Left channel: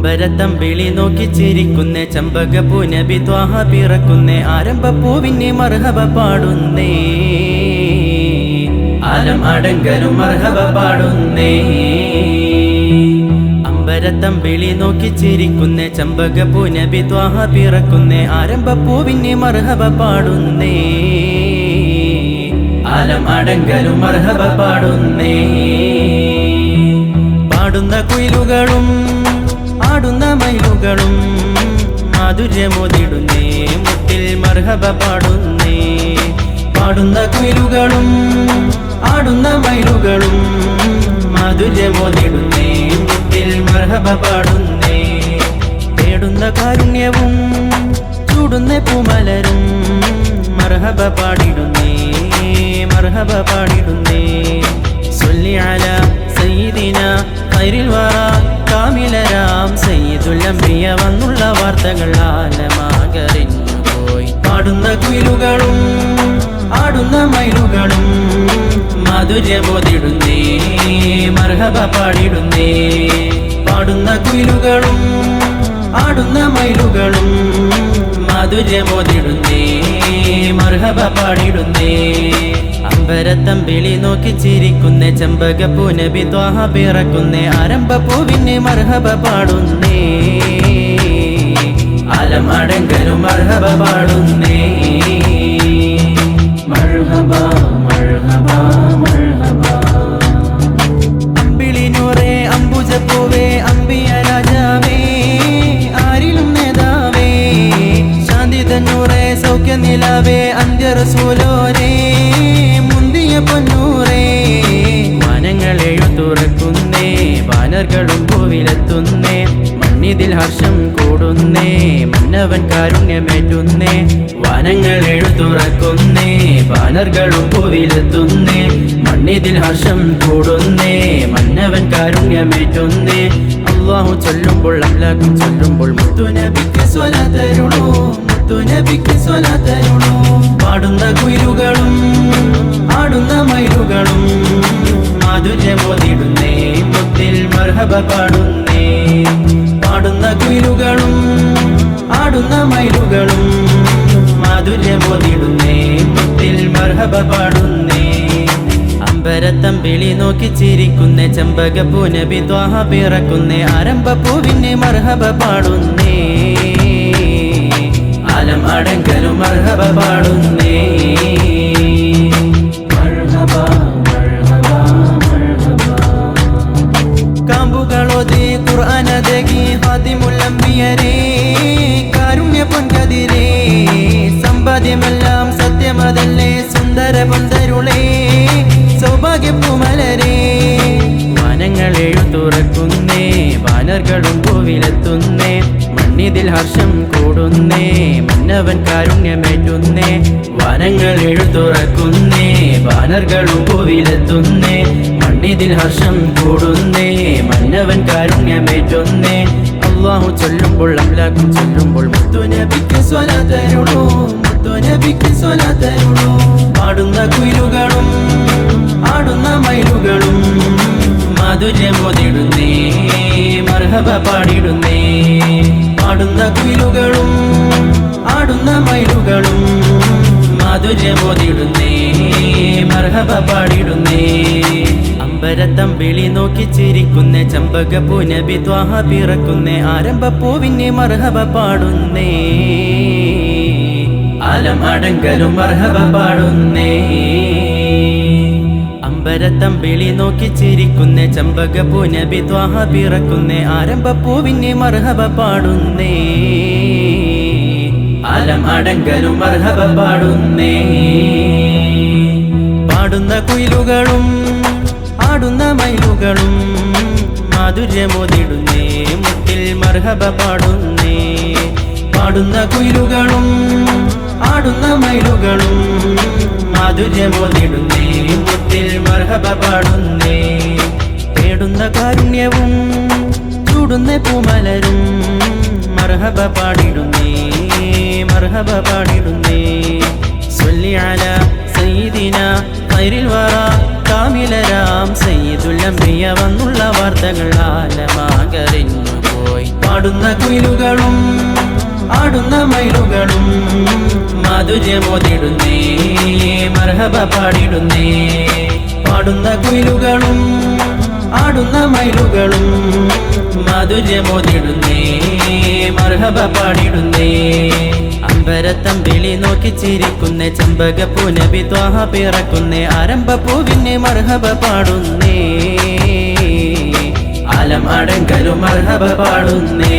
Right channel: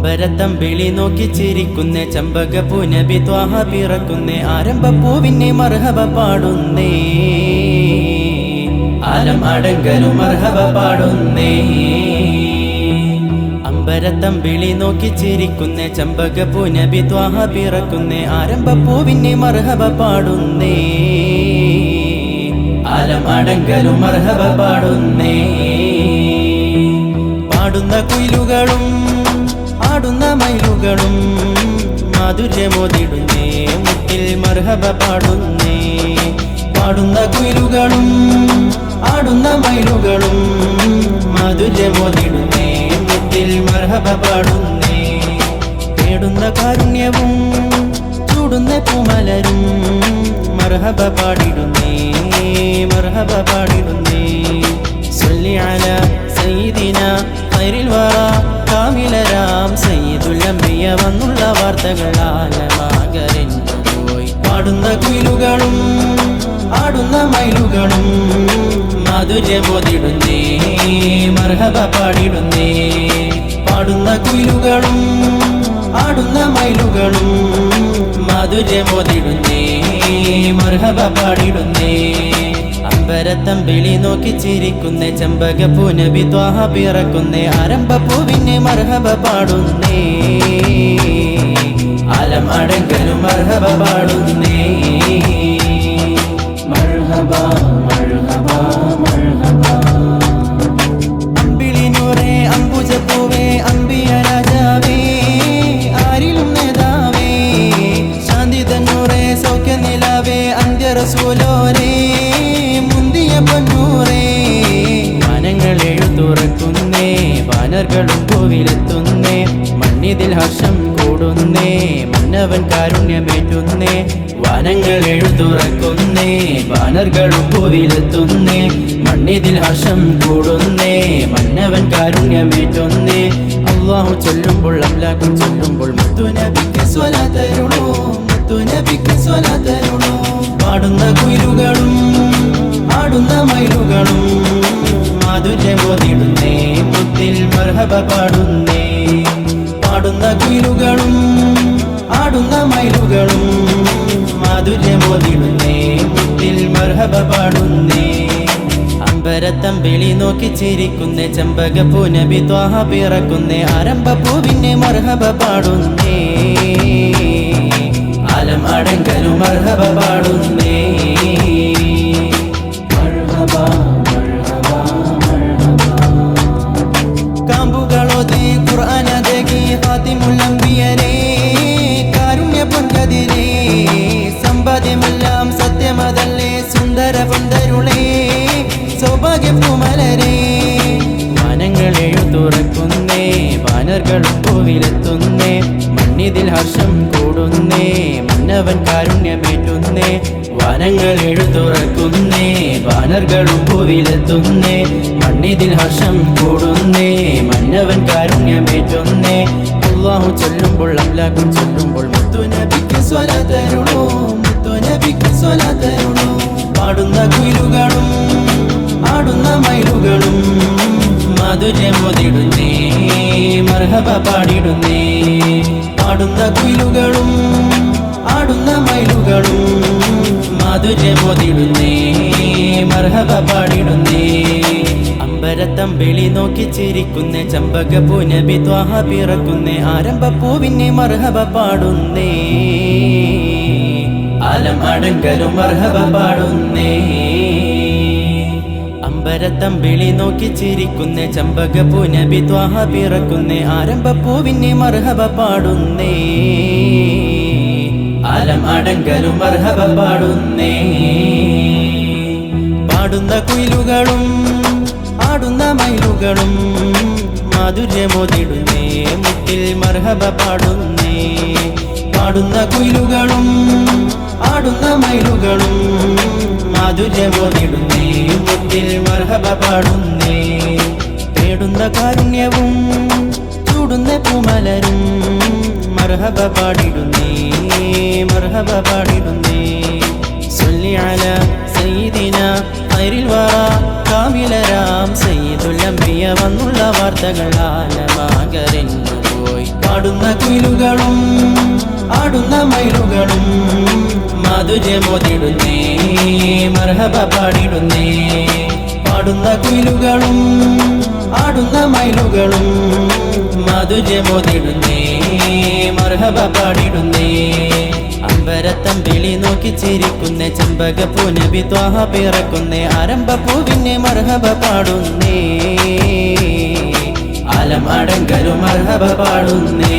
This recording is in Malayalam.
അമ്പരത്തമ്പിളി നോക്കി ചിരിക്കുന്നേ ചമ്പകപ്പൂ നബി ത്വാഹ പിറക്കുന്നേ ആരംഭപ്പൂവിനെ മർഹബ പാടുന്നേ ആലം അടങ്കലും മർഹബ പാടുന്നേ അമ്പരത്തമ്പിളി നോക്കി ചിരിക്കുന്നേ ചമ്പകപ്പൂ നബി ത്വാഹ പിറക്കുന്നേ ആരംഭപ്പൂവിനെ മർഹബ പാടുന്നേ ആലം അടങ്കലും മർഹബ പാടുന്നേ പാടുന്ന കുയിലുകളും ആടുന്ന മയിലുകളും മാധുര്യമോതിടുന്നേ മുത്തിൽ മർഹബ പാടുന്നേ പാടുന്ന കുയിലുകളും ആടുന്ന മയിലുകളും മാധുര്യമോതിടുന്നേ മുത്തിൽ മർഹബ പാടുന്നേ തേടുന്ന കാരുണ്യവും ചൂടുന്ന പൂമലരും മർഹബ പാടിടുന്നേ മർഹബ പാടിടുന്നേ സ്വല്ലി അലാ സയ്യിദിന ഖൈറിൽ വറ കാമിലരാം സയ്യിദുൽ അംബിയ വന്നുള്ള വാർത്തകൾ ആലമാകറിഞ്ഞു പോയി പാടുന്ന കുയിലുകളും ആടുന്ന മയിലുകളും മാധുര്യമോതിടുന്നേ മർഹബ പാടിടുന്നേ പാടുന്ന കുയിലുകളും ആടുന്ന മയിലുകളും മാധുര്യമോതിടുന്നേ മർഹബ പാടിടുന്നേ അമ്പരത്തമ്പിളി നോക്കി ചിരിക്കുന്നേ ചമ്പകപ്പൂ നബി ത്വാഹ പിറക്കുന്നേ ആരംഭപ്പൂവിനെ മർഹബ പാടുന്നേ ആലം അടങ്കലും മർഹബ പാടുന്നേ മർഹബ മർഹബ മർഹബ അമ്പിളി നൂറേ അംബുജപ്പൂവേ അമ്പിയ രാജാവേ ആരിലും നേതാവേ ശാന്തി തന്നൂറേ സൗഖ്യ നിലാവേ അന്ത്യ റസൂലോരേ മുന്തിയ പൊന്നൂറേ വാനങ്ങൾ എഴുതുറക്കുന്നേ ബാനറുകളും ഭൂവിലെത്തുന്നേ മണ്ണിതിൽ ഹർഷം കൂടുന്നേ മന്നവൻ കാരുണ്യമേറ്റുന്നേ വാനങ്ങൾ എഴുതുറക്കുന്നേ ബാനറുകളും ഭൂവിലെത്തുന്നേ മണ്ണിതിൽ ഹർഷം കൂടുന്നേ മന്നവൻ കാരുണ്യമേറ്റുന്നേ അല്ലാഹു ചൊല്ലുമ്പോൾ അംലാക്കും ചൊല്ലുമ്പോൾ മുത്തുനബിക്ക് സ്വലാത്തരുളൂ മുത്തുനബിക്ക് സ്വലാത്തരുളൂ പാടുന്ന കുയിലുകളും ആടുന്ന മയിലുകളും മാധുര്യമോതിടുന്നേ മുത്തിൽ മർഹബ പാടുന്നേ പാടുന്ന കുയിലുകളും ആടുന്ന മയിലുകളും മാധുര്യമോതിടുന്നേ മുത്തിൽ മർഹബ പാടുന്നേ അമ്പരത്തമ്പിളി നോക്കി ചിരിക്കുന്നേ ചമ്പകപ്പൂ നബി ത്വാഹ പിറക്കുന്നേ ആരംഭപ്പൂവിനെ മർഹബ പാടുന്നേ ആലം അടങ്കലും മർഹബ പാടുന്നേ മർഹബ മർഹബ മർഹബ കാമ്പുകളോതി ഖുർആനദകി ഖാതിമുൽ അംബിയരേ കാരുണ്യ പൊൻകതിരേ സമ്പാദ്യമെല്ലാം സത്യമതല്ലേ സുന്ദര പൊന്തരുളേ സൗഭാഗ്യപ്പൂമലരേ വാനങ്ങൾ എഴുതുറക്കുന്നേ ബാനറുകളും ഭൂവിലെത്തുന്നേ മണ്ണിതിൽ ഹർഷം കൂടുന്നേ മന്നവൻ കാരുണ്യമേറ്റുന്നേ വാനങ്ങൾ എഴുതുറക്കുന്നേ ബാനറുകളും ഭൂവിലെത്തുന്നേ മണ്ണിതിൽ ഹർഷം കൂടുന്നേ മന്നവൻ കാരുണ്യമേറ്റുന്നേ അല്ലാഹു ചൊല്ലുമ്പോൾ അംലാക്കും ചൊല്ലുമ്പോൾ മുത്തുനബിക്ക് സ്വലാത്തരുളൂ മുത്തുനബിക്ക് സ്വലാത്തരുളൂ പാടുന്ന കുയിലുകളും ആടുന്ന മയിലുകളും മാധുര്യമോതിടുന്നേ മർഹബ പാടിടുന്നേ പാടുന്ന കുയിലുകളും ആടുന്ന മയിലുകളും മാധുര്യമോതിടുന്നേ മർഹബ പാടിടുന്നേ അമ്പരത്തമ്പിളി നോക്കി ചിരിക്കുന്നേ ചമ്പകപ്പൂ നബി ത്വാഹ പിറക്കുന്നേ ആരംഭപ്പൂവിനെ മർഹബ പാടുന്നേ ആലം അടങ്കലും മർഹബ പാടുന്നേ അമ്പരത്തമ്പിളി നോക്കി ചിരിക്കുന്നേ ചമ്പകപ്പൂ നബി ത്വാഹ പിറക്കുന്നേ ആരംഭപ്പൂവിനെ മർഹബ പാടുന്നേ ആലം അടങ്കലും മർഹബ പാടുന്നേ പാടുന്ന കുയിലുകളും ആടുന്ന മയിലുകളും മാധുര്യമോതിടുന്നേ മുത്തിൽ മർഹബ പാടുന്നേ പാടുന്ന കുയിലുകളും ആടുന്ന മയിലുകളും മാധുര്യമോതിടുന്നേ മുത്തിൽ മർഹബ പാടുന്നേ തേടുന്ന കാരുണ്യവും ചൂടുന്ന പൂമലരും മർഹബ പാടിടുന്നേ മർഹബ പാടിടുന്നേ സ്വല്ലി അലാ സയ്യിദിന ഖൈറിൽ വറ കാമിലരാം സയ്യിദുൽ അംബിയ വന്നുള്ള വാർത്തകൾ ആലമാകറിഞ്ഞു പോയി പാടുന്ന കുയിലുകളും ആടുന്ന മയിലുകളും മാധുര്യമോതിടുന്നേ മർഹബ പാടിടുന്നേ പാടുന്ന കുയിലുകളും ആടുന്ന മയിലുകളും മാധുര്യമോതിടുന്നേ മർഹബ പാടിടുന്നേ അമ്പരത്തമ്പിളി നോക്കി ചിരിക്കുന്നേ ചെമ്പകപ്പൂ നബി ത്വാഹ പിറക്കുന്നേ ആരംഭപ്പൂവിനെ മർഹബ പാടുന്നേ ആലം അടങ്കലും മർഹബ പാടുന്നേ